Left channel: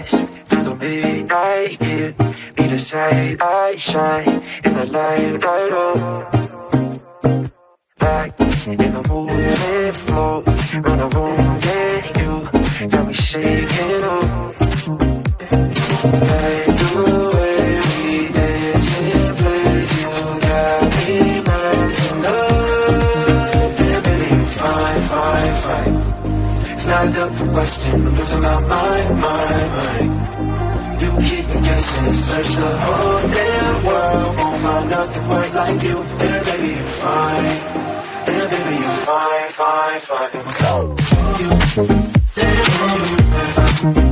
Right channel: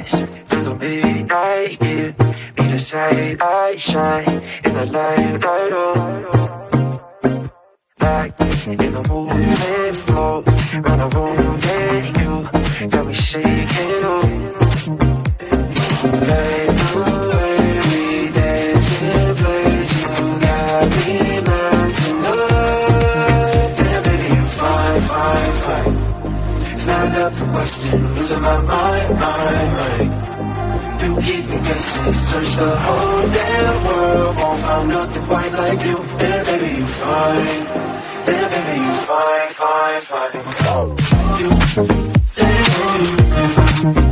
kiss through the midnight, give me the sight, I shine in the light, light up. Locked in the movement flow, run the room, yeah, you got me shaking up. Like the way we dance in place, you got me melting up. And baby, you fine, fine, fine. Stand up for question, losing my mind. You keep me guessing, search the whole damn world, won't find nothing quite like you. Yeah, baby, you fine. Yeah, baby, you fine, fine, fine.